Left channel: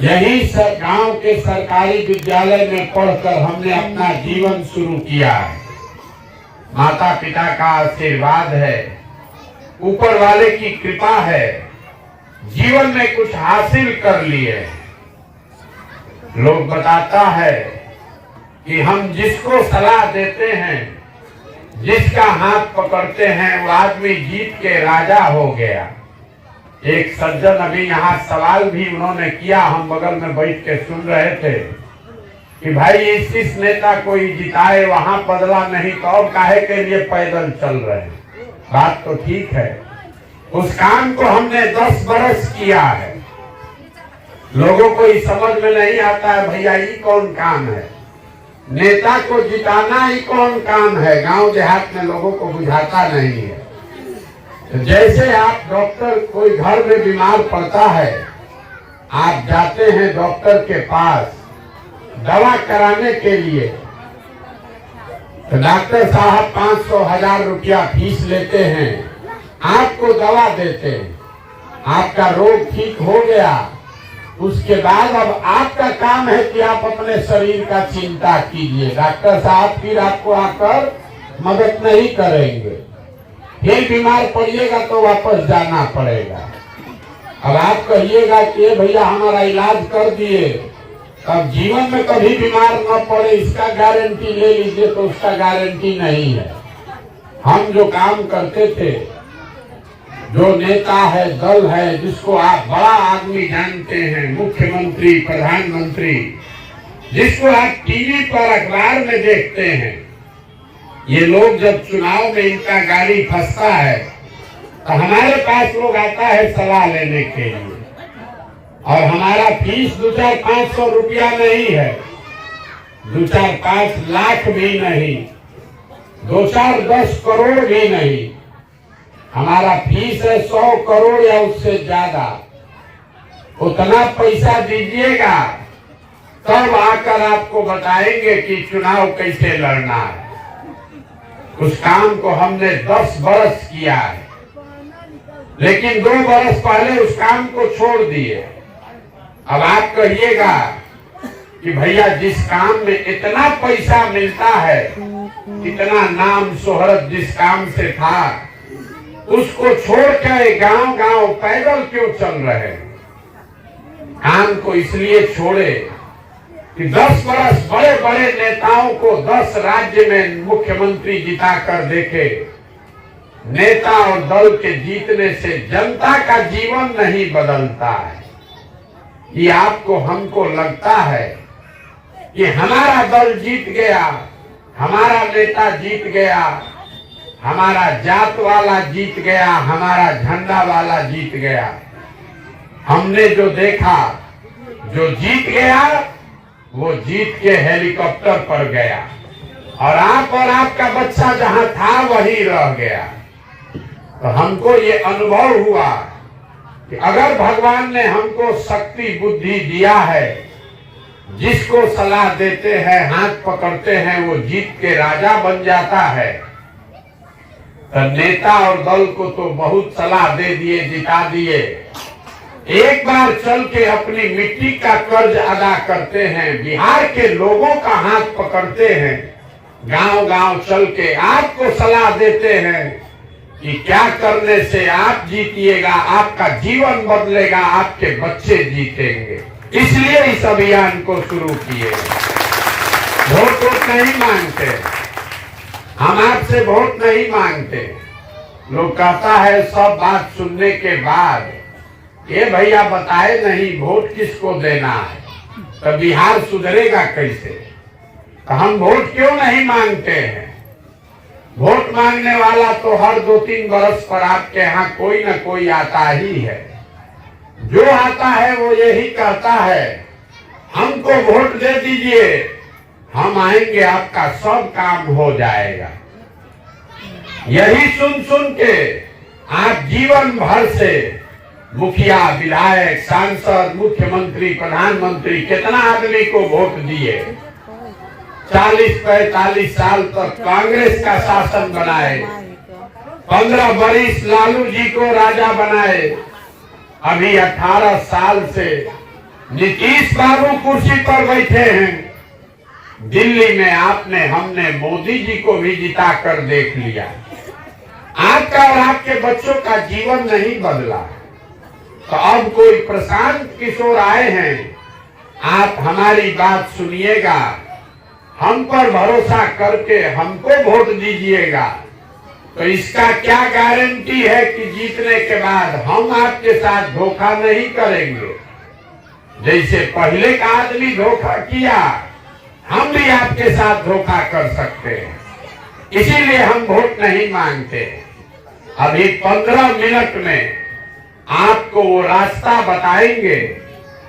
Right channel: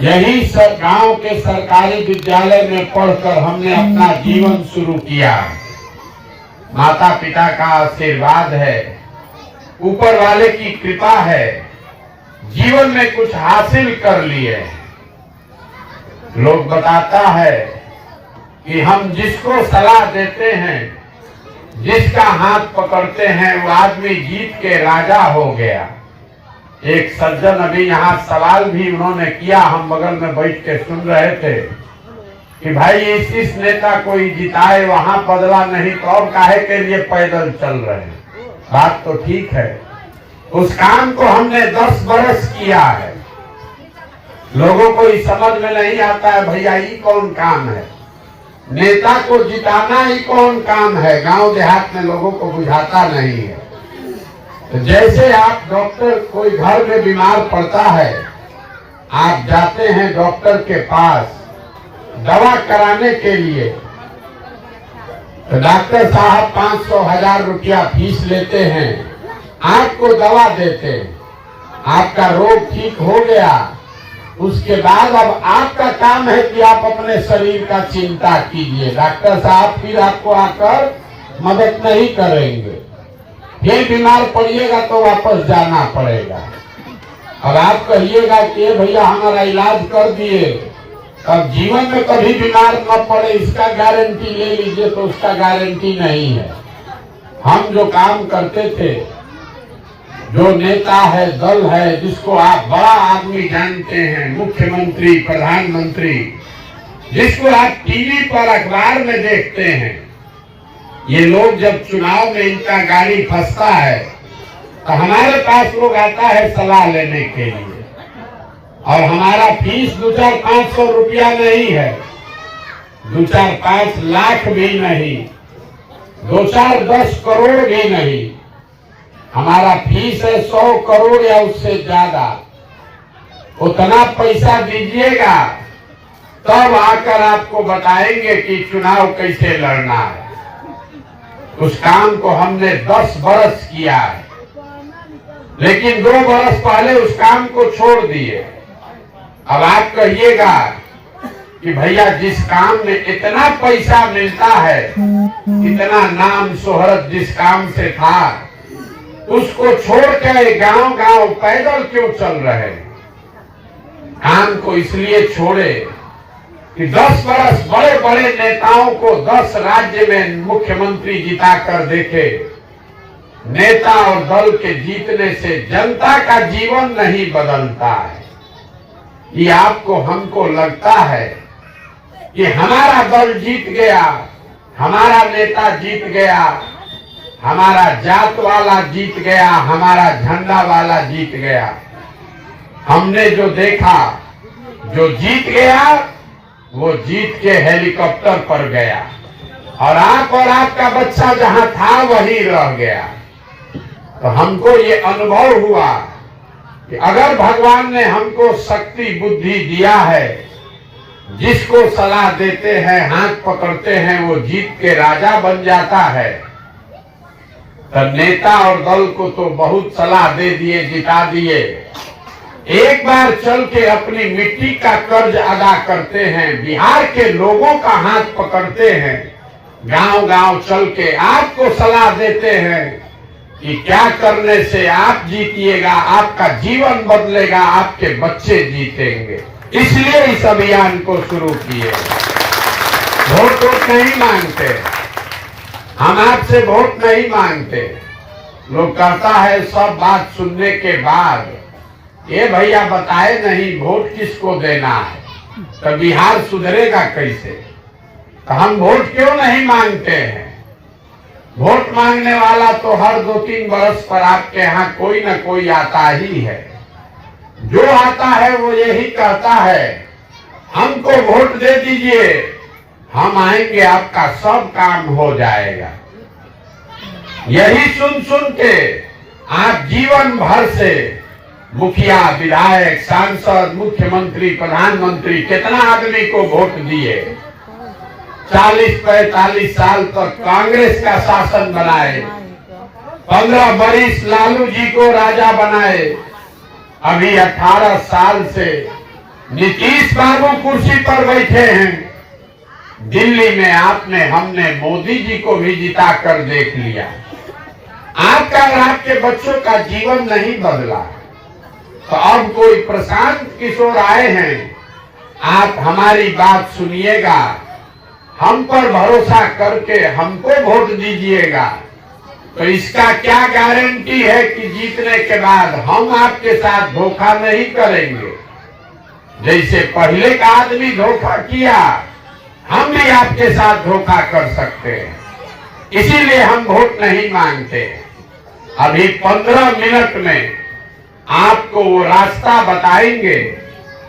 यही गांव के सरकारी विद्यालय में पढ़कर हमने अपना जीवन शुरू किया। माता पिता का आशीर्वाद है, ऊपर वाले की कृपा है, जीवन में कुछ हासिल कर लिए। लोग बताता है कि हम जिसको सलाह देते हैं, जिसका हाथ पकड़ते हैं, वो आदमी जीत के राजा हो गया। एक सज्जन अभी यहाँ सवाल भी उन्होंने किया, हम बगल में बैठ के सुन रहे थे कि भाई इस नेता को ही जिताए, वहां बदला नहीं तो और काहे के लिए पैदल चल रहे हैं। बात तो ठीक है, उस काम को हमने 10 बरस किया है। लोगों को इस समझ में नहीं आता है भैया ये कौन काम है, नेता को जिताना ही कौन काम है। गांव देहात में लोगों को बुझाता नहीं है। तो जैसे आप डॉक्टर, कोई घर में बीमार पड़ता है, आप जाते हैं डॉक्टर के पास दवा कराने के लिए, तो डॉक्टर साहब 500-1000 रुपया फीस लेते हैं, आपको दवा देते हैं, आपका रोग ठीक हो गया। उसके बाद अब आपका काम है कि आप अपने शरीर का चिंता कीजिए। डॉक्टर साहब फिर आपको आकर मदद नहीं करेंगे, फिर बीमार पड़िएगा तो वापस जाना पड़ेगा। और आप कहिएगा कि भैया हमारा इलाज कर दिए, अब जीवन में कभी बीमार न पड़े इसका गारंटी ले लीजिए, तो उसका गारंटी नहीं है। हम जो काम करते थे, जो नेता है, दल है, जिसको आप बड़ा आदमी जानते हैं, मुख्यमंत्री, प्रधानमंत्री, जिसको आप टीवी पर, अखबार में देखते हैं, ये लोग जब चुनाव में इनका गाड़ी फंसता है तो हमारे पास लोग आता है सलाह लेने के लिए। और हमारा फीस 2-4-500 रुपया नहीं है, 2-4-5 लाख भी नहीं, 2-4-10 करोड़ भी नहीं। हमारा फीस है 100 करोड़ या उससे ज्यादा। उतना पैसा दीजिएगा तब आकर आपको बताएंगे कि चुनाव कैसे लड़ना है। उस काम को हमने 10 बरस किया है, लेकिन 2 बरस पहले उस काम को छोड़ दिए। अब आप कहिएगा कि भैया जिस काम में इतना पैसा मिलता है, इतना नाम शोहरत जिस काम से था, उसको छोड़ के गांव-गांव पैदल क्यों चल रहे? काम को इसलिए छोड़े कि 10 बरस बड़े बड़े नेताओं को 10 राज्य में मुख्यमंत्री जिता कर देखे। नेता और दल के जीतने से जनता का जीवन नहीं बदलता है। ये आपको, हमको लगता है कि हमारा दल जीत गया, हमारा नेता जीत गया, हमारा जात वाला जीत गया, हमारा झंडा वाला जीत गया। हमने जो देखा, जो जीत गया वो जीत के हेलीकॉप्टर पर गया, और आप और आपका बच्चा जहां था वही रह गया। तो हमको ये अनुभव हुआ कि अगर भगवान ने हमको शक्ति बुद्धि दिया है, जिसको सलाह देते हैं, हाथ पकड़ते हैं, वो जीत के राजा बन जाता है। तो नेता और दल को तो बहुत सलाह दे दिए, जिता दिए। एक बार चल के अपनी मिट्टी का कर्ज अदा करते हैं, बिहार के लोगों का हाथ पकड़ते हैं, गांव-गांव चल के आपको सलाह देते हैं कि क्या करने से आप जीतिएगा, आपका जीवन बदलेगा, आपके बच्चे जीतेंगे। इसलिए इस अभियान को शुरू किए। वोट नहीं मांगते हम, आपसे वोट नहीं मांगते। लोग कहता है सब बात सुनने के बाद, ये भैया बताए नहीं वोट किसको देना है, तो बिहार सुधरेगा कैसे? तो हम वोट क्यों नहीं मांगते हैं? वोट मांगने वाला तो हर 2-3 बरस पर आपके यहाँ कोई न कोई आता ही है। जो आता है वो यही कहता है हमको वोट दे दीजिए, हम आएंगे, आपका सब काम हो जाएगा। यही सुन सुन के आप जीवन भर से मुखिया, विधायक, सांसद, मुख्यमंत्री, प्रधानमंत्री, कितना आदमी को वोट दिए। 40-45 साल तक कांग्रेस का शासन बनाए, 15 बरिस लालू जी को राजा बनाए। अभी 18 साल से नीतीश बाबू कुर्सी पर बैठे हैं। दिल्ली में हमने मोदी जी को भी जिता कर देख लिया। आपका और आपके बच्चों का जीवन नहीं बदला। तो अब कोई प्रशांत किशोर आए हैं, आप हमारी बात सुनिएगा, हम पर भरोसा करके हमको वोट दीजिएगा। तो इसका क्या गारंटी है कि जीतने के बाद हम आपके साथ धोखा नहीं करेंगे। जैसे पहले का आदमी धोखा किया, हम भी आपके साथ धोखा कर सकते हैं। इसीलिए हम वोट नहीं मांगते। अभी 15 मिनट में आपको वो रास्ता बताएंगे।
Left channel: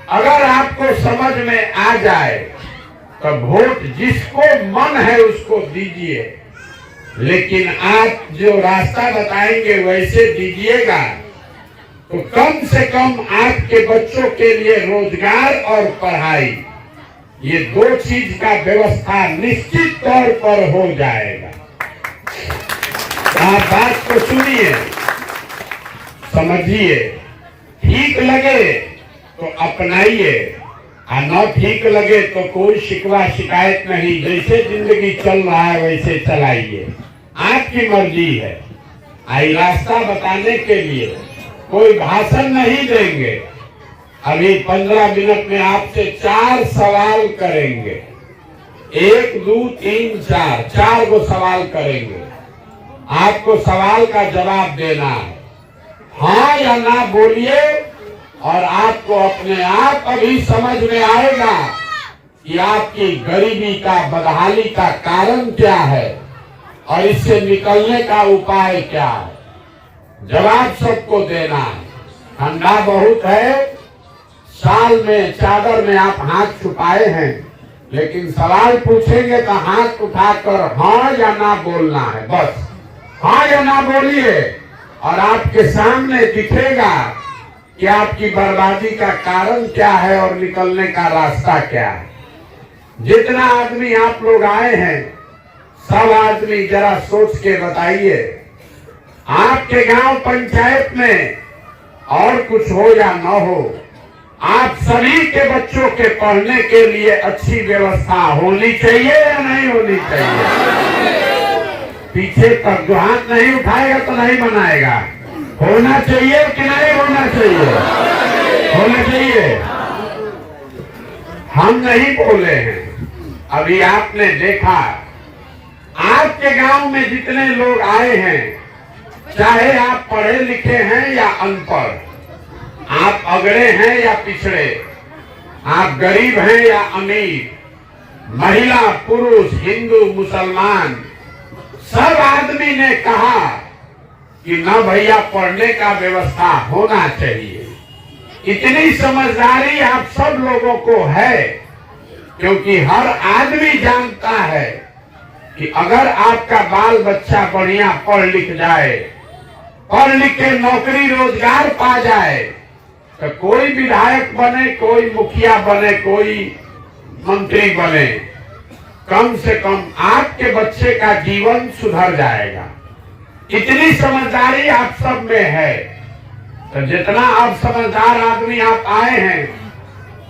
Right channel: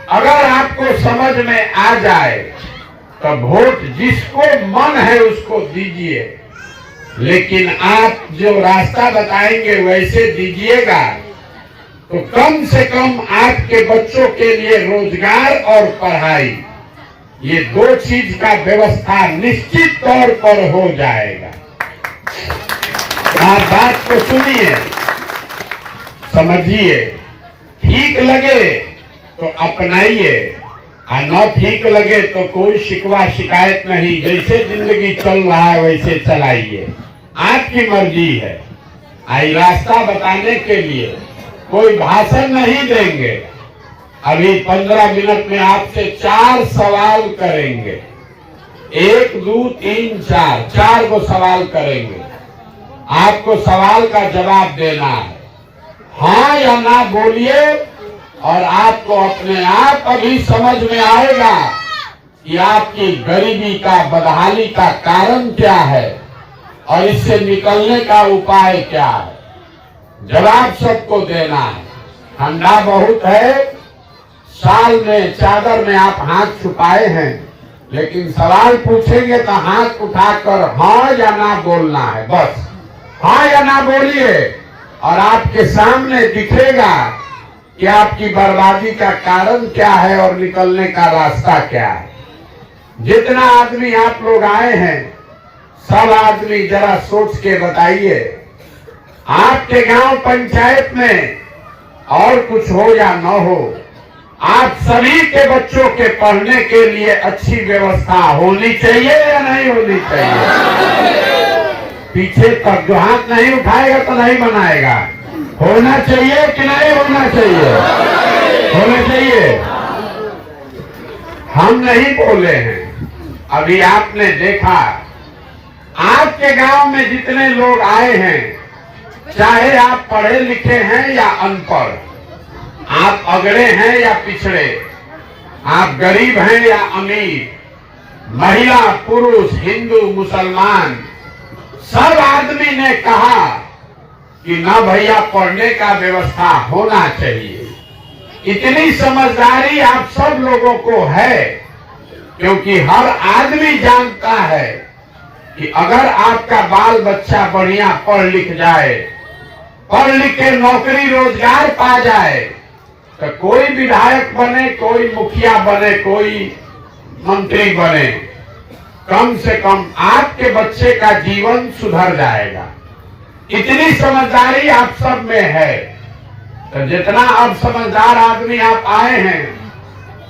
अगर आपको समझ में आ जाए तो वोट जिसको मन है उसको दीजिए, लेकिन आप जो रास्ता बताएंगे वैसे दीजिएगा तो कम से कम आपके बच्चों के लिए रोजगार और पढ़ाई, ये 2 चीज का व्यवस्था निश्चित तौर पर हो जाएगा। आप बात को सुनिए, समझिए, ठीक लगे तो अपनाइए और न ठीक लगे तो कोई शिकवा शिकायत नहीं। जैसे जिंदगी चल रहा है वैसे चलाइए, आपकी मर्जी है। आई रास्ता बताने के लिए कोई भाषण नहीं देंगे। अभी 15 मिनट में आपसे 4 सवाल करेंगे। 1, 2, 3, 4 गो सवाल करेंगे। आपको सवाल का जवाब देना है, हाँ या ना बोलिए। और आपको अपने आप अभी समझ में आएगा कि आपकी गरीबी का, बदहाली का कारण क्या है और इससे निकलने का उपाय क्या है। जवाब सबको देना है। ठंडा बहुत है, साल में चादर में आप हाथ छुपाए हैं, लेकिन सवाल पूछेंगे तो हाथ उठाकर हाँ या ना बोलना है। बस हाँ या ना बोलिए और आपके सामने दिखेगा कि आपकी बर्बादी का कारण क्या है और निकलने का रास्ता क्या है। जितना आदमी आप लोग आए हैं, सब आदमी जरा सोच के बताइए, आपके गांव पंचायत में और कुछ हो या न हो, आप सभी के बच्चों के पढ़ने के लिए अच्छी व्यवस्था होनी चाहिए या नहीं होनी चाहिए। पीछे तक जो हाथ नहीं उठाएगा तो नहीं बनाएगा। होना चाहिए कि नहीं होना चाहिए? होना चाहिए। हम नहीं बोले हैं। अभी आपने देखा, आपके गांव में जितने लोग आए हैं, चाहे आप पढ़े लिखे हैं या अनपढ़, आप अगड़े हैं या पिछड़े, आप गरीब हैं या अमीर, महिला पुरुष, हिंदू मुसलमान, सब आदमी ने कहा कि ना भैया पढ़ने का व्यवस्था होना चाहिए। इतनी समझदारी आप सब लोगों को है, क्योंकि हर आदमी जानता है कि अगर आपका बाल बच्चा बढ़िया पढ़ लिख जाए, पढ़ लिख के नौकरी रोजगार पा जाए, तो कोई विधायक बने, कोई मुखिया बने, कोई मंत्री बने, कम से कम आपके बच्चे का जीवन सुधर जाएगा। इतनी समझदारी आप सब में है। तो जितना अब समझदार आदमी आप आए हैं,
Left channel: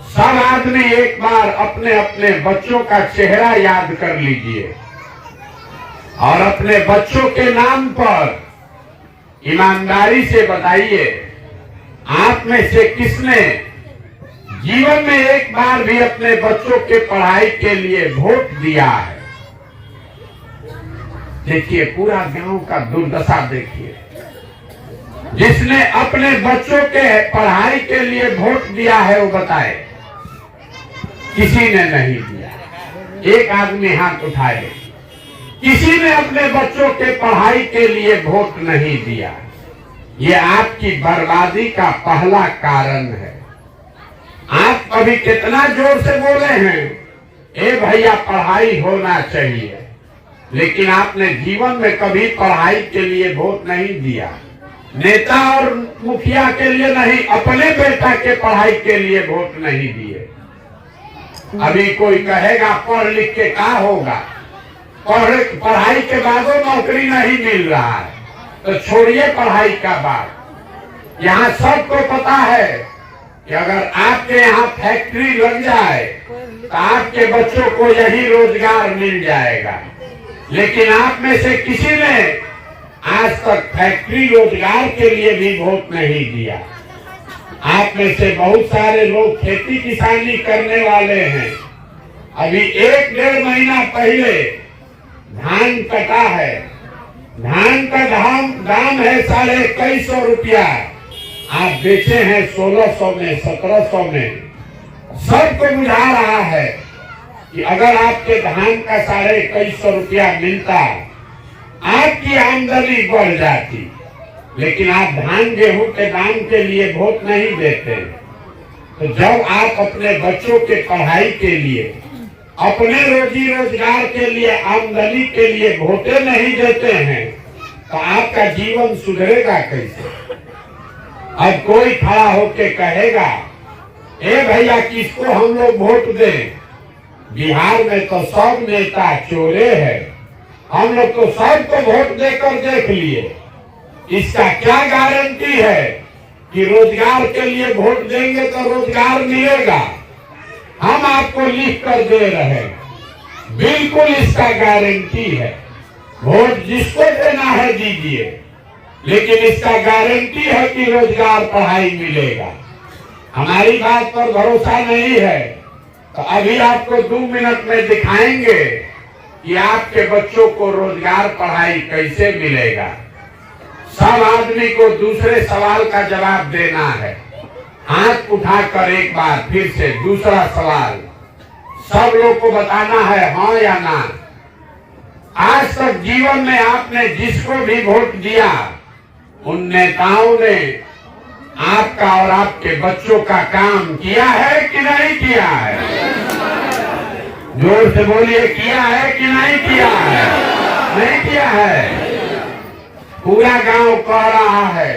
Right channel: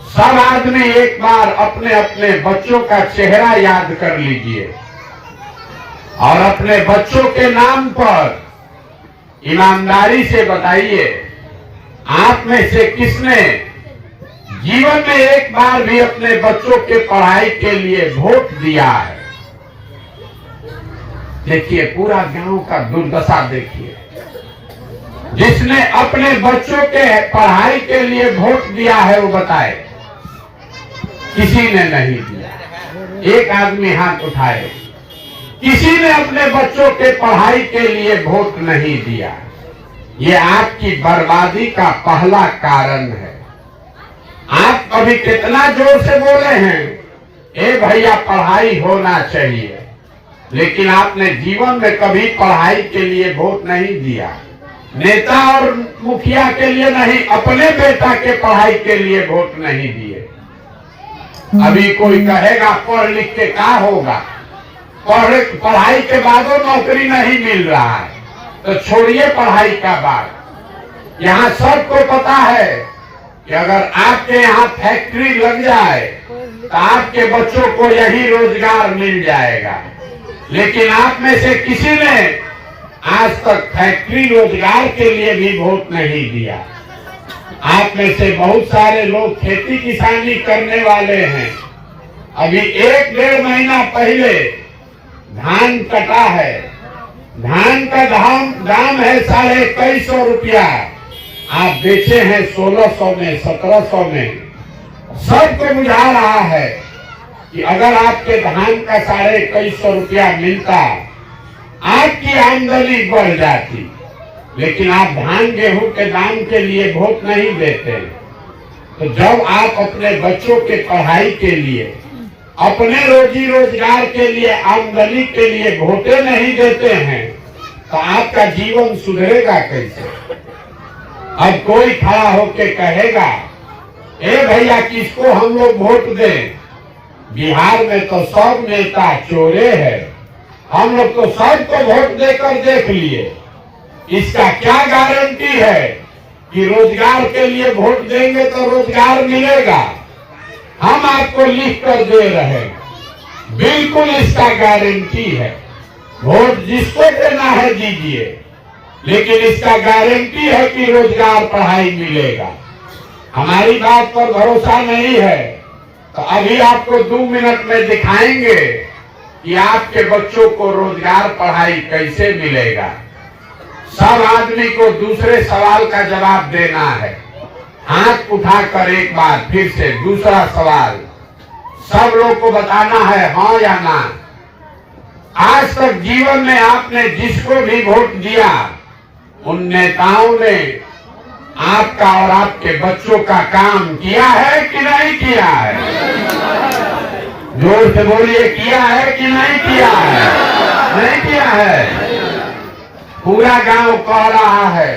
सब आदमी एक बार अपने अपने बच्चों का चेहरा याद कर लीजिए और अपने बच्चों के नाम पर ईमानदारी से बताइए, आप में से किसने जीवन में एक बार भी अपने बच्चों के पढ़ाई के लिए वोट दिया है। देखिए, पूरा गांव का दुर्दशा देखिए। जिसने अपने बच्चों के पढ़ाई के लिए वोट दिया है वो बताए। किसी ने नहीं दिया। एक आदमी हाथ उठाए। किसी ने अपने बच्चों के पढ़ाई के लिए वोट नहीं दिया। ये आपकी बर्बादी का पहला कारण है। आप अभी कितना जोर से बोले हैं, ए भैया पढ़ाई होना चाहिए, लेकिन आपने जीवन में कभी पढ़ाई के लिए वोट नहीं दिया। नेता और मुखिया के लिए नहीं, अपने बेटा के पढ़ाई के लिए वोट नहीं दिए। अभी कोई कहेगा पढ़ लिख के क्या होगा, पढ़ाई के बाद नौकरी नहीं मिल रहा है, तो छोड़िए पढ़ाई का बात। यहाँ सबको पता है कि अगर आपके यहाँ फैक्ट्री लग जाए तो आपके बच्चों को यही रोजगार मिल जाएगा। लेकिन आप में से किसी ने आज तक फैक्ट्री रोजगार के लिए भी वोट नहीं दिया। आप में से बहुत सारे लोग खेती किसानी करने वाले हैं। अभी 1-1.5 महीना पहले धान कटा है। धान का दाम है 250 रुपया। आप बेचे हैं 1600 में, 1700 में। सबको बुझा रहा है कि अगर आपके धान का 250 रुपया मिलता, आपकी आमदनी बढ़ जाती। लेकिन आप धान गेहूं के दाम के लिए वोट नहीं देते। तो जब आप अपने बच्चों के पढ़ाई के लिए, अपने रोजी रोजगार के लिए, आमदनी के लिए वोटे नहीं देते हैं, तो आपका जीवन सुधरेगा कैसे? अब कोई खड़ा होके कहेगा, ए भैया किसको हम लोग वोट दें? बिहार में तो सब नेता चोरे हैं, हम लोग तो सबको वोट देकर देख लिए। इसका क्या गारंटी है कि रोजगार के लिए वोट देंगे तो रोजगार मिलेगा? हम आपको लिख कर दे रहे हैं, बिल्कुल इसका गारंटी है। वोट जिसको देना है दीजिए, लेकिन इसका गारंटी है कि रोजगार पढ़ाई मिलेगा। हमारी बात पर भरोसा नहीं है तो अभी आपको 2 मिनट में दिखाएंगे कि आपके बच्चों को रोजगार पढ़ाई कैसे मिलेगा। सब आदमी को दूसरे सवाल का जवाब देना है। हाथ उठाकर एक बार फिर से दूसरा सवाल सब लोग को बताना है, हाँ या ना। आज तक जीवन में आपने जिसको भी वोट दिया, उन नेताओं ने आपका और आपके बच्चों का काम किया है कि नहीं किया है? जोर से बोलिए, किया है कि नहीं किया है? नहीं किया है। पूरा गांव कह रहा है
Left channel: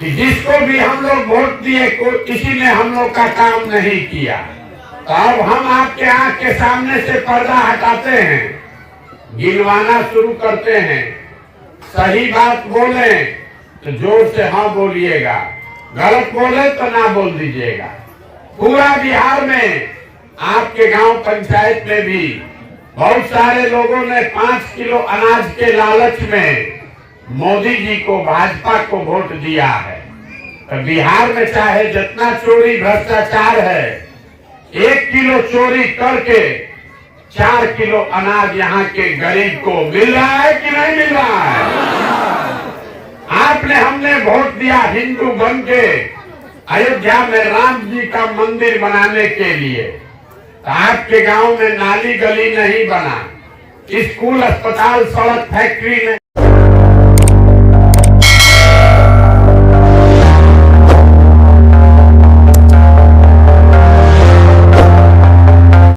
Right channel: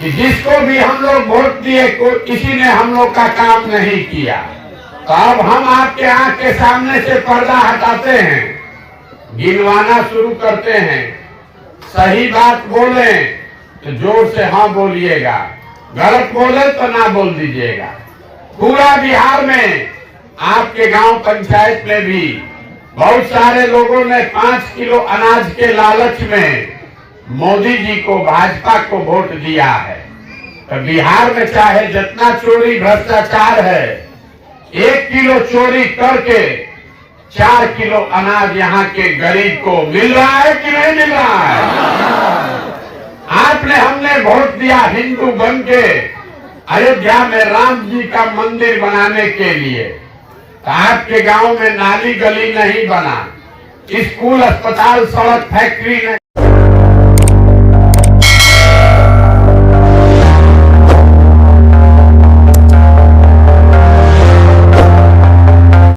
कि जिसको भी हम लोग वोट दिए किसी ने हम लोग का काम नहीं किया। तो अब हम आपके आंख के सामने से पर्दा हटाते हैं, गिनवाना शुरू करते हैं। सही बात बोले तो जोर से हाँ बोलिएगा, गलत बोले तो ना बोल दीजिएगा। पूरा बिहार में आपके गांव पंचायत में भी बहुत सारे लोगों ने 5 किलो अनाज के लालच में मोदी जी को, भाजपा को वोट दिया है। तो बिहार में चाहे जितना चोरी भ्रष्टाचार है, 1 किलो चोरी करके 4 किलो अनाज यहाँ के गरीब को मिल रहा है कि नहीं मिल रहा है? हमने वोट दिया हिंदू बन के अयोध्या में राम जी का मंदिर बनाने के लिए। तो आपके गांव में नाली गली नहीं बना, स्कूल, अस्पताल, सड़क, फैक्ट्री